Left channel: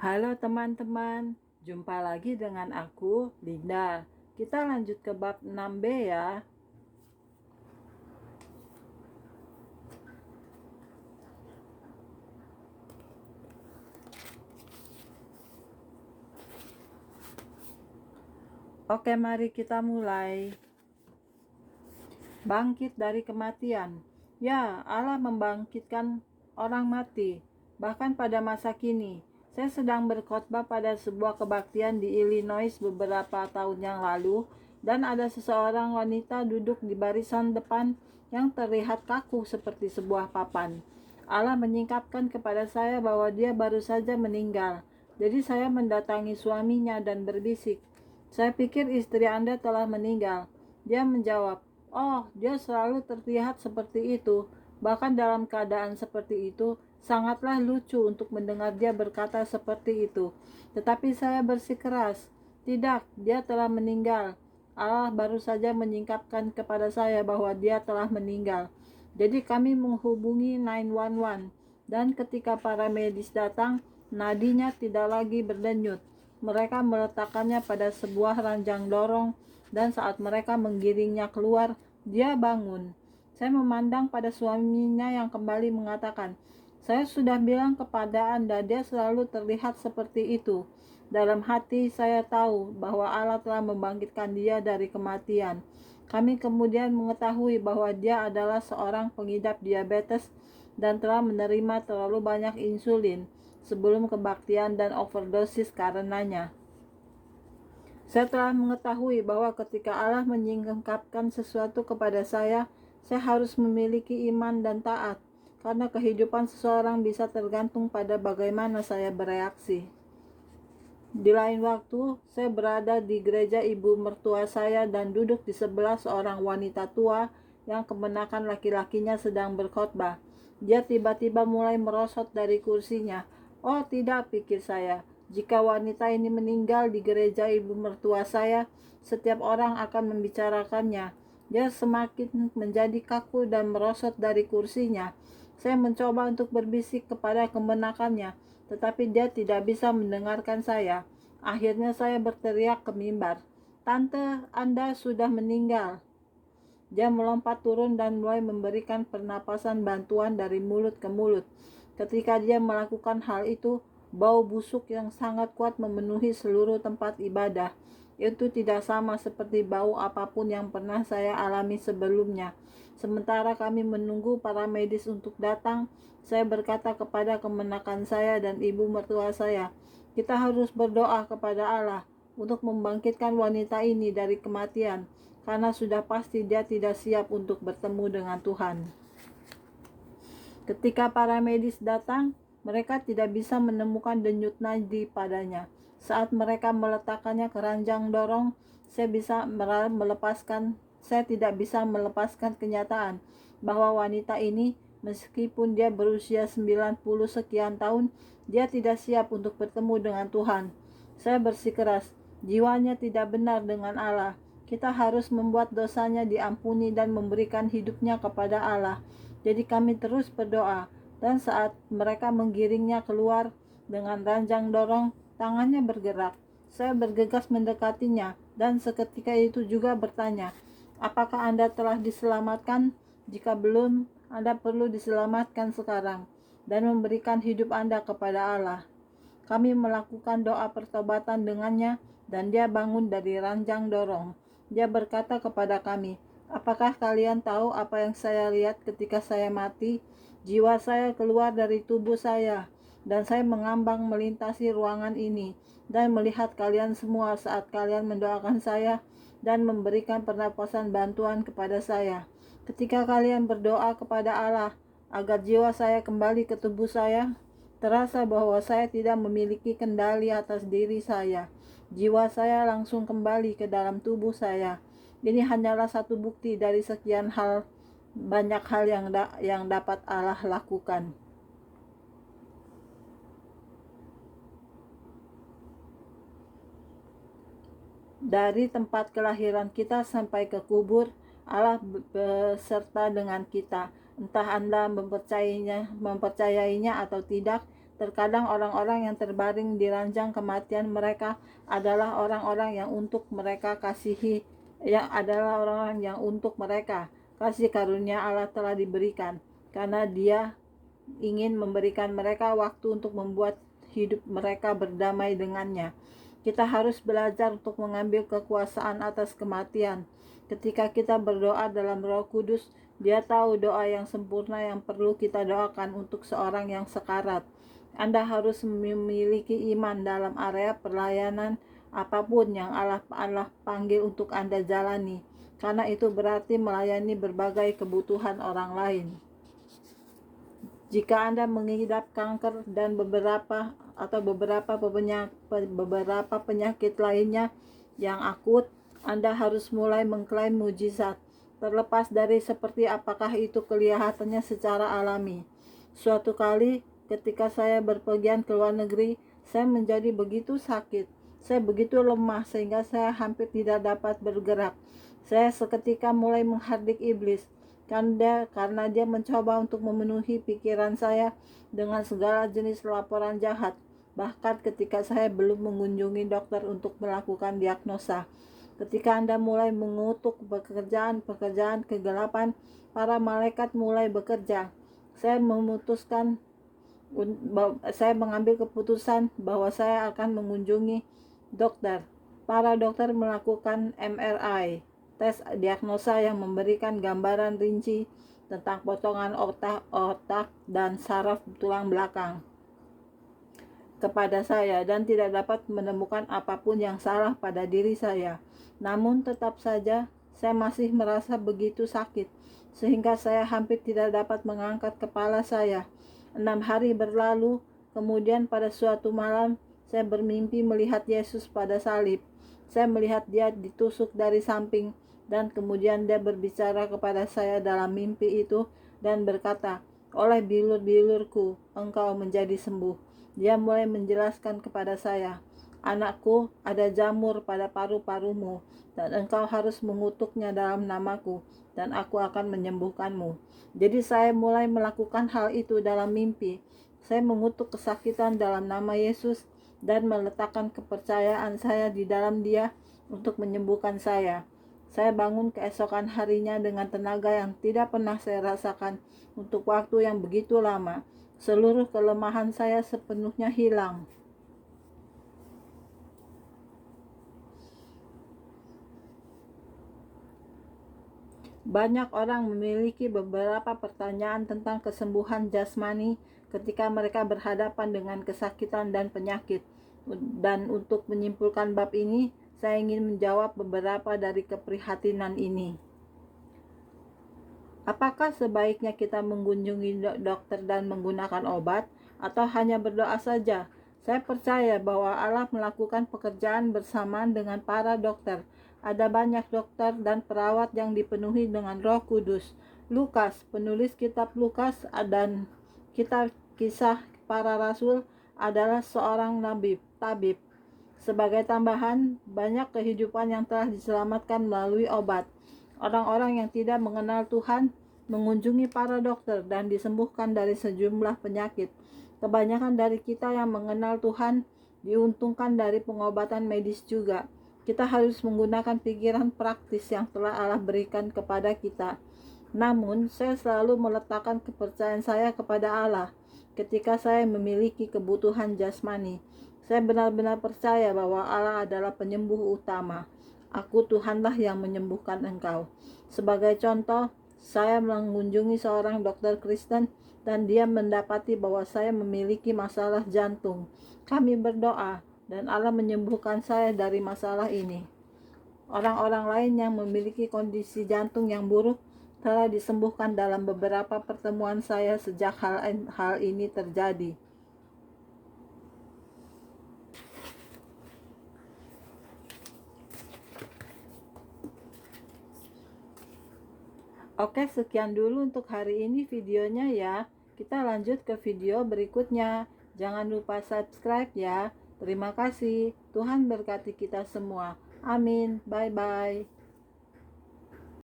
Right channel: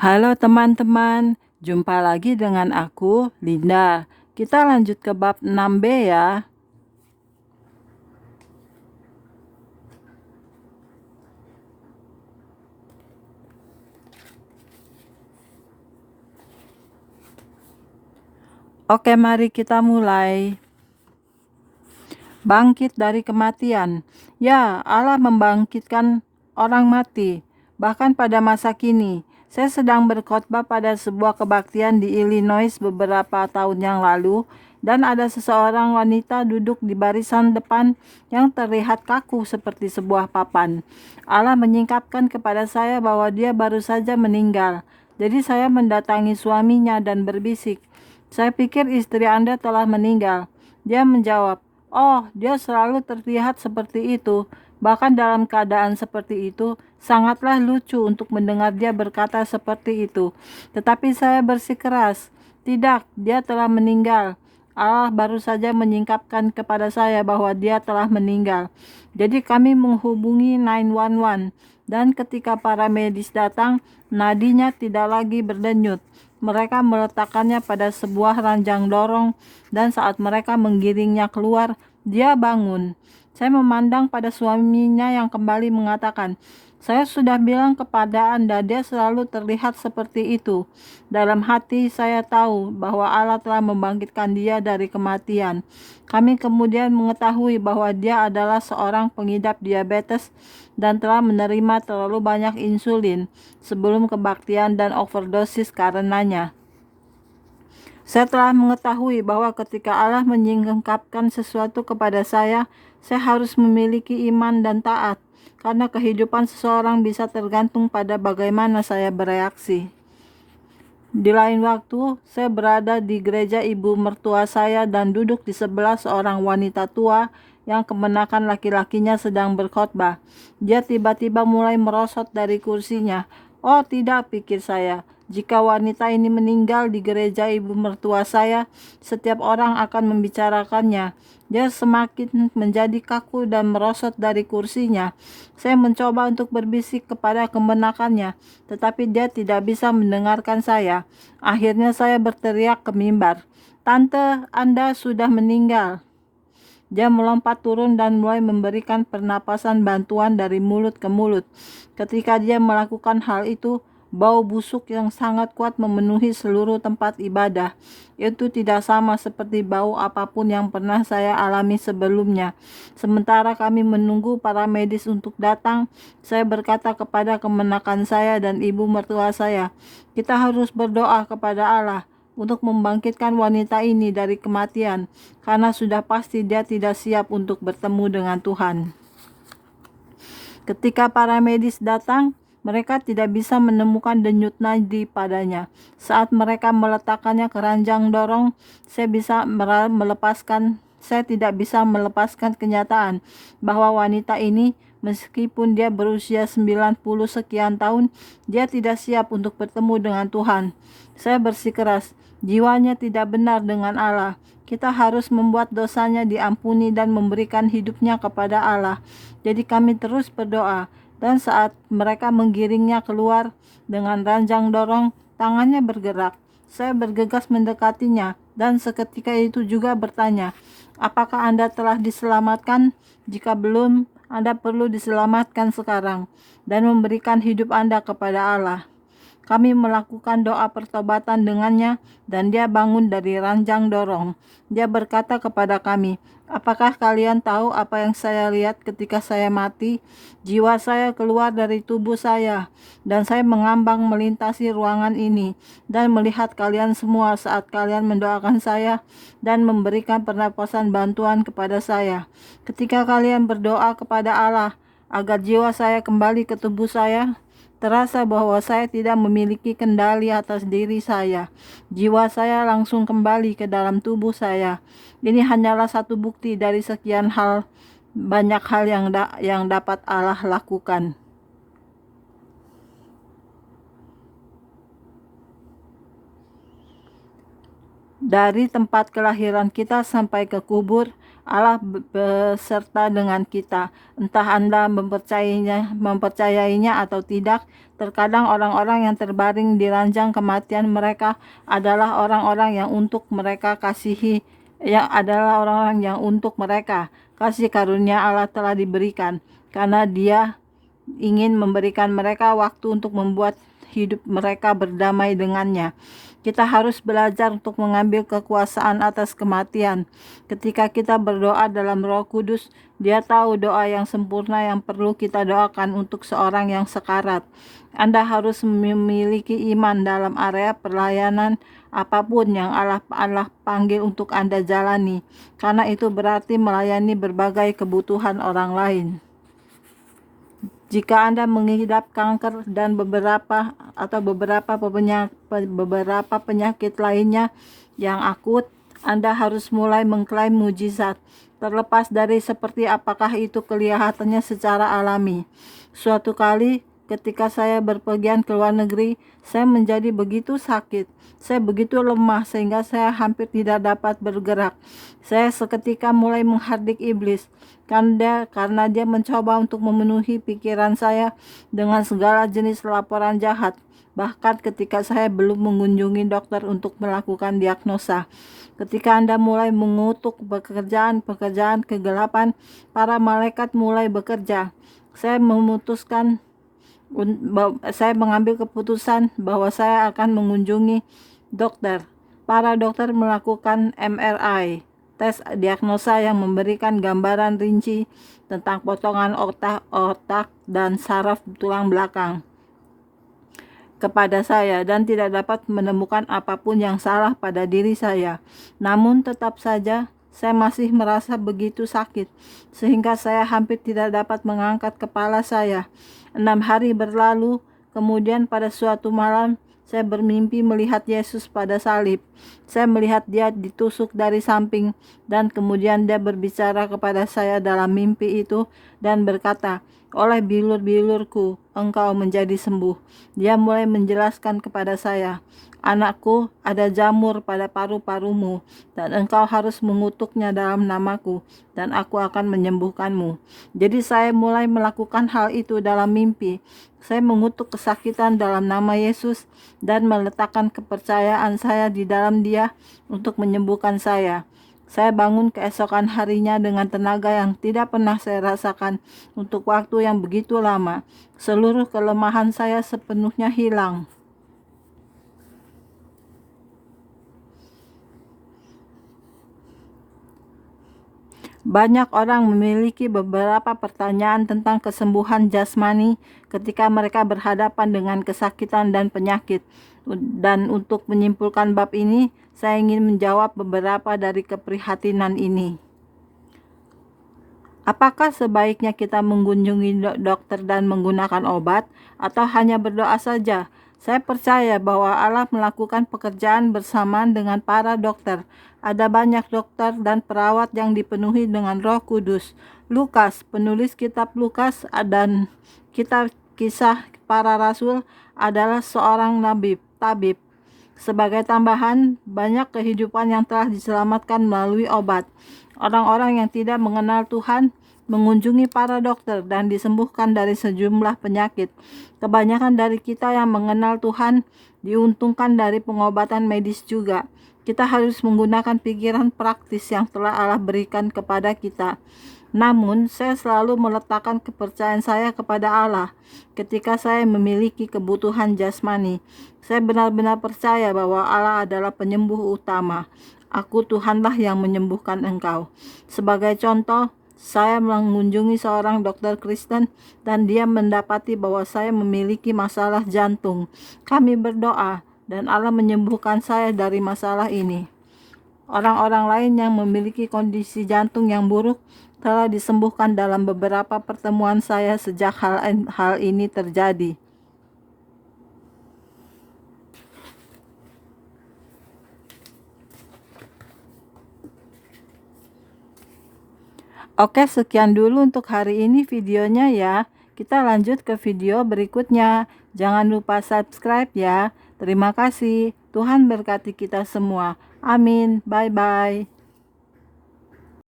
Halo teman-teman, jumpa lagi dengan aku, Linda. Kita lanjut ke bab 6b ya. Oke, mari kita mulai. Bangkit dari kematian. Ya, Allah membangkitkan orang mati, bahkan pada masa kini. Saya sedang berkhotbah pada sebuah kebaktian di Illinois beberapa tahun yang lalu, dan ada seseorang wanita duduk di barisan depan yang terlihat kaku seperti sebuah papan. Allah menyingkapkan kepada saya bahwa dia baru saja meninggal. Jadi saya mendatangi suaminya dan berbisik, "Saya pikir istri Anda telah meninggal." Dia menjawab, "Oh, dia selalu terlihat seperti itu. Bahkan dalam keadaan seperti itu, sangatlah lucu untuk mendengar dia berkata seperti itu." Tetapi saya bersikeras, "Tidak, dia telah meninggal." Allah baru saja menyingkapkan kepada saya bahwa dia telah meninggal. Jadi kami menghubungi 911, dan ketika para medis datang, nadinya tidak lagi berdenyut. Mereka meletakkannya pada sebuah ranjang dorong, dan saat mereka menggiringnya keluar, dia bangun. Saya memandang pada suaminya yang kembali mengatakan, "Saya sudah bilang kepada Anda, dia selalu terlihat seperti itu." Dalam hati saya tahu bahwa Allah telah membangkitkan dia dari kematian. Kami kemudian mengetahui bahwa dia adalah seorang pengidap diabetes dan telah menerima terlalu banyak insulin sebelum kebaktian dan overdosis karenanya. Saya telah mengetahui bahwa ketika Allah menyingkapkan sesuatu kepada saya harus memiliki iman dan taat, karena kehidupan seseorang bisa tergantung pada bagaimana saya bereaksi. Di lain waktu, saya berada di gereja ibu mertua saya dan duduk di sebelah seorang wanita tua yang kemenakan laki-lakinya sedang berkhotbah. Dia tiba-tiba mulai merosot dari kursinya. "Oh tidak," pikir saya. "Jika wanita ini meninggal di gereja ibu mertua saya, setiap orang akan membicarakannya." Dia semakin menjadi kaku dan merosot dari kursinya. Saya mencoba untuk berbisik kepada kemenakannya, tetapi dia tidak bisa mendengarkan saya. Akhirnya saya berteriak ke mimbar, "Tante, Anda sudah meninggal." Dia melompat turun dan mulai memberikan pernapasan bantuan dari mulut ke mulut. Ketika dia melakukan hal itu, bau busuk yang sangat kuat memenuhi seluruh tempat ibadah. Itu tidak sama seperti bau apapun yang pernah saya alami sebelumnya. Sementara kami menunggu para medis untuk datang, saya berkata kepada kemenakan saya dan ibu mertua saya, "Kita harus berdoa kepada Allah untuk membangkitkan wanita ini dari kematian, karena sudah pasti dia tidak siap untuk bertemu dengan Tuhan." Ketika para medis datang, mereka tidak bisa menemukan denyut nadi padanya. Saat mereka meletakkannya ke ranjang dorong, saya tidak bisa melepaskan kenyataan bahwa wanita ini, meskipun dia berusia 90 sekian tahun, dia tidak siap untuk bertemu dengan Tuhan. Saya bersikeras, jiwanya tidak benar dengan Allah. Kita harus membuat dosanya diampuni dan memberikan hidupnya kepada Allah. Jadi kami terus berdoa, dan saat mereka menggiringnya keluar dengan ranjang dorong, tangannya bergerak. Saya bergegas mendekatinya, dan seketika itu juga bertanya, "Apakah Anda telah diselamatkan? Jika belum, Anda perlu diselamatkan sekarang, dan memberikan hidup Anda kepada Allah." Kami melakukan doa pertobatan dengannya, dan dia bangun dari ranjang dorong. Dia berkata kepada kami, "Apakah kalian tahu apa yang saya lihat ketika saya mati? Jiwa saya keluar dari tubuh saya, dan saya mengambang melintasi ruangan ini, dan melihat kalian semua saat kalian mendoakan saya dan memberikan pernapasan bantuan kepada saya. Ketika kalian berdoa kepada Allah agar jiwa saya kembali ke tubuh saya, terasa bahwa saya tidak memiliki kendali atas diri saya. Jiwa saya langsung kembali ke dalam tubuh saya. Ini hanyalah satu bukti dari sekian banyak hal yang dapat Allah lakukan." Dari tempat kelahiran kita sampai ke kubur, Allah beserta dengan kita. Entah Anda mempercayainya atau tidak, terkadang orang-orang yang terbaring di ranjang kematian mereka adalah orang-orang yang untuk mereka kasihi, yang adalah orang-orang yang untuk mereka kasih karunia Allah telah diberikan, karena Dia ingin memberikan mereka waktu untuk membuat hidup mereka berdamai dengannya. Kita harus belajar untuk mengambil kekuasaan atas kematian. Ketika kita berdoa dalam Roh Kudus, Dia tahu doa yang sempurna yang perlu kita doakan untuk seorang yang sekarat. Anda harus memiliki iman dalam area pelayanan apapun yang Allah panggil untuk Anda jalani, karena itu berarti melayani berbagai kebutuhan orang lain. Jika Anda mengidap kanker dan beberapa penyakit lainnya yang akut, Anda harus mulai mengklaim mujizat, terlepas dari seperti apakah itu kelihatannya secara alami. Suatu kali ketika saya berpergian ke luar negeri, saya menjadi begitu sakit. Saya begitu lemah sehingga saya hampir tidak dapat bergerak. Saya seketika mulai menghardik iblis, karena dia mencoba untuk memenuhi pikiran saya dengan segala jenis laporan jahat. Bahkan ketika saya belum mengunjungi dokter untuk melakukan diagnosa. Ketika Anda mulai mengutuk pekerjaan kegelapan, para malaikat mulai bekerja. Saya mengambil keputusan bahwa saya akan mengunjungi dokter. Para dokter melakukan MRI, tes diagnosa yang memberikan gambaran rinci tentang potongan otak dan saraf tulang belakang kepada saya, dan tidak dapat menemukan apapun yang salah pada diri saya. Namun tetap saja saya masih merasa begitu sakit, sehingga saya hampir tidak dapat mengangkat kepala saya. 6 hari berlalu, kemudian pada suatu malam, saya bermimpi melihat Yesus pada salib. Saya melihat Dia ditusuk dari samping, dan kemudian Dia berbicara kepada saya dalam mimpi itu dan berkata, "Oleh bilur-bilurku, engkau menjadi sembuh." Dia mulai menjelaskan kepada saya, "Anakku, ada jamur pada paru-parumu, dan engkau harus mengutuknya dalam namaku, dan aku akan menyembuhkanmu." Jadi saya mulai melakukan hal itu dalam mimpi. Saya mengutuk kesakitan dalam nama Yesus dan meletakkan kepercayaan saya di dalam Dia untuk menyembuhkan saya. Saya bangun keesokan harinya dengan tenaga yang tidak pernah saya rasakan untuk waktu yang begitu lama. Seluruh kelemahan saya sepenuhnya hilang. Banyak orang memiliki beberapa pertanyaan tentang kesembuhan jasmani ketika mereka berhadapan dengan kesakitan dan penyakit. Dan untuk menyimpulkan bab ini, saya ingin menjawab beberapa dari keprihatinan ini. Apakah sebaiknya kita mengunjungi dokter dan menggunakan obat, atau hanya berdoa saja? Saya percaya bahwa Allah melakukan pekerjaan bersamaan dengan para dokter. Ada banyak dokter dan perawat yang dipenuhi dengan Roh Kudus. Lukas, penulis kitab Lukas dan kitab Kisah Para Rasul, adalah seorang tabib. Sebagai tambahan, banyak kehidupan yang telah diselamatkan melalui obat. Orang-orang yang tidak mengenal Tuhan mengunjungi para dokter dan disembuhkan dari sejumlah penyakit. Kebanyakan dari kita yang mengenal Tuhan diuntungkan dari pengobatan medis juga. Kita harus menggunakan pikiran praktis yang telah Allah berikan kepada kita. Namun, saya selalu meletakkan kepercayaan saya kepada Allah ketika saya memiliki kebutuhan jasmani. Saya benar-benar percaya bahwa Allah adalah penyembuh utama. Aku Tuhanlah yang menyembuhkan engkau. Sebagai contoh, saya mengunjungi seorang dokter Kristen dan dia mendapati bahwa saya memiliki masalah jantung. Kami berdoa dan Allah menyembuhkan saya dari masalah ini. Orang-orang lain yang memiliki kondisi jantung yang buruk telah disembuhkan dalam beberapa pertemuan saya sejak hal ini terjadi. Oke, sekian dulu untuk hari ini videonya ya. Kita lanjut ke video berikutnya. Jangan lupa subscribe ya. Terima kasih. Tuhan berkati kita semua. Amin. Bye-bye.